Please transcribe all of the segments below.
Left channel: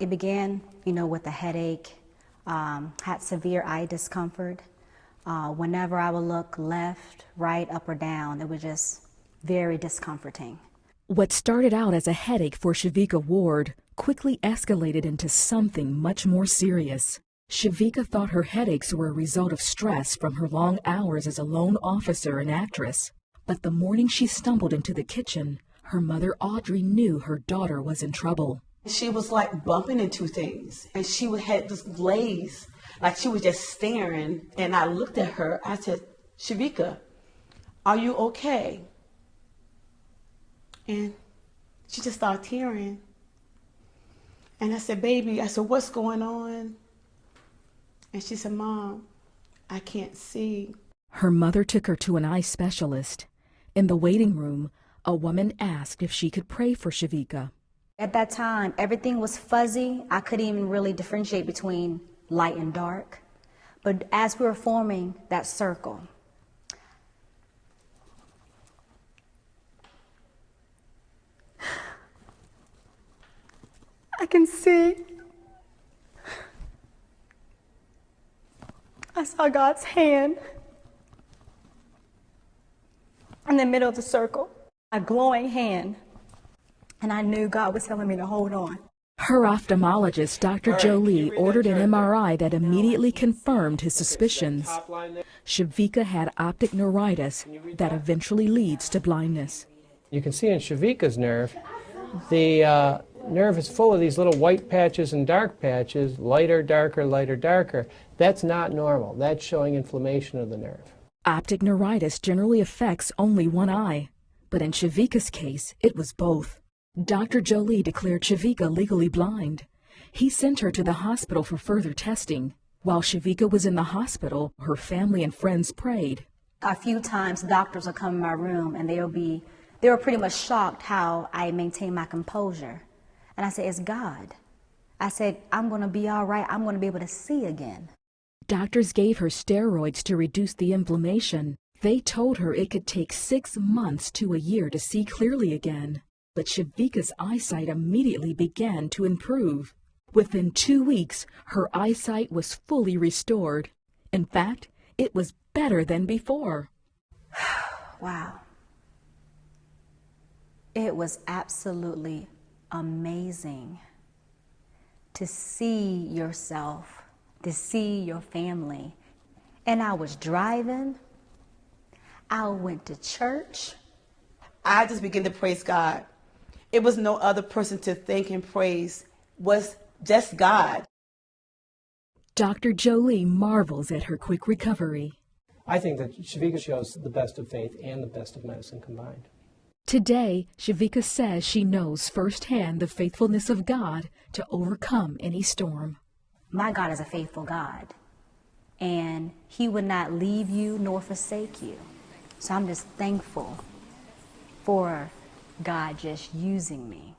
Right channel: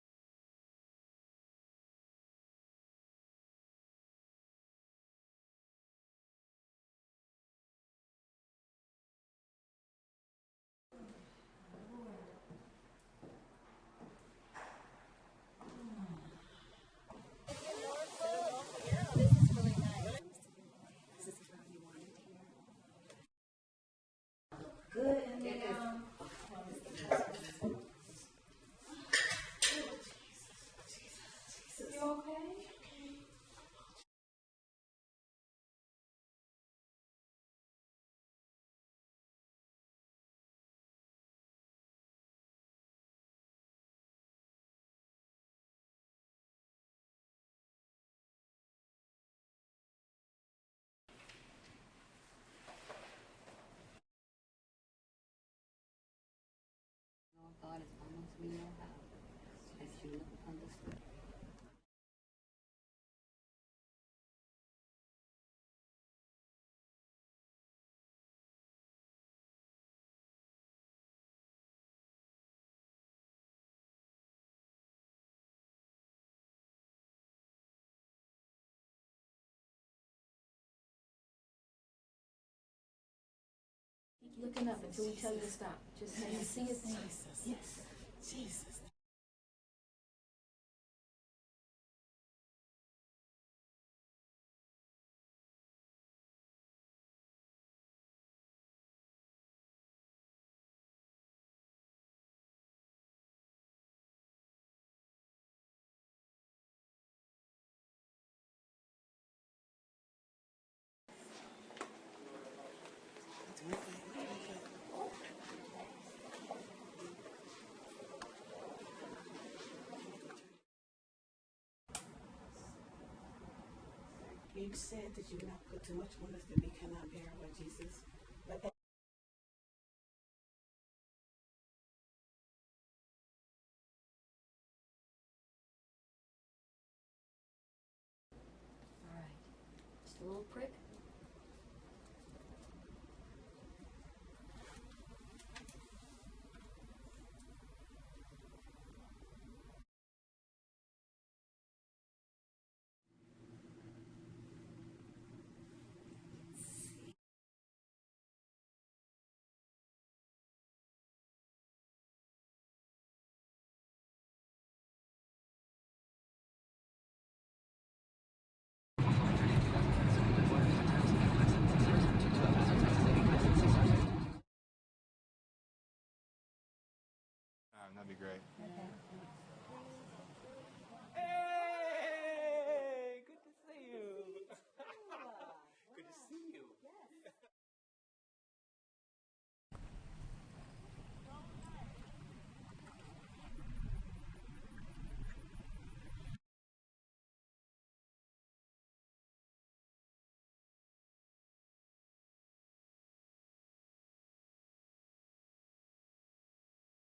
It began, with a headache, had severe eye discomfort. Whenever I would look left, right, up or down, it was just very discomforting. What started out as a headache for Shevika Ward quickly escalated into something much more serious. Shevika thought her headaches were a result of stress from her long hours as a lone officer and actress. But the morning she stumbled into the kitchen, her mother Audrey knew her daughter was in trouble. She was like bumping into things, and she had this glaze, like she was just staring. And I looked at her, I said, Shevika, are you okay? And she just started tearing. And I said, baby, I said, what's going on? And she said, Mom, I can't see. Her mother took her to an eye specialist. In the waiting room, a woman asked if she could pray for Shevika. At that time, everything was fuzzy. I couldn't even really differentiate between light and dark. But as we were forming that circle, I can see. I saw God's hand in the middle of the circle, a glowing hand, and I knew God was telling me to hold on. Her ophthalmologist, Dr. Jolie, ordered an MRI that immediately confirmed his suspicions. Shevika had optic neuritis that eventually leads to blindness. You can see in Shevika's nerve, the nerve is full of these little white patches and dark patches, lighter, darker, lighter, darker. That's not normal. That's showing inflammation of the nerve. Optic neuritis generally affects only one eye, but in Shevika's case, it was both. Dr. Jolie declared Shevika legally blind. He sent her to the hospital for further testing. While Shevika was in the hospital, her family and friends prayed. A few times doctors will come in my room and they were pretty much shocked how I maintained my composure. And I said, it's God. I said, I'm going to be all right. I'm going to be able to see again. Doctors gave her steroids to reduce the inflammation. They told her it could take 6 months to a year to see clearly again. But Shevika's eyesight immediately began to improve. Within 2 weeks, her eyesight was fully restored. In fact, it was better than before. Wow. It was absolutely amazing to see yourself, to see your family. And I was driving, I went to church. I just began to praise God. It was no other person to thank and praise, was just God. Dr. Jolie marvels at her quick recovery. I think that Shevika shows the best of faith and the best of medicine combined. Today, Shevika says she knows firsthand the faithfulness of God to overcome any storm. My God is a faithful God, and He would not leave you nor forsake you. So I'm just thankful for God just using me,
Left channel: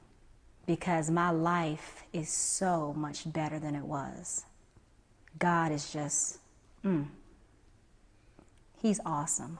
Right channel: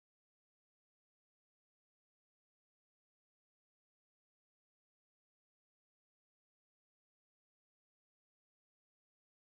because my life is so much better than it was. God is just, He's awesome.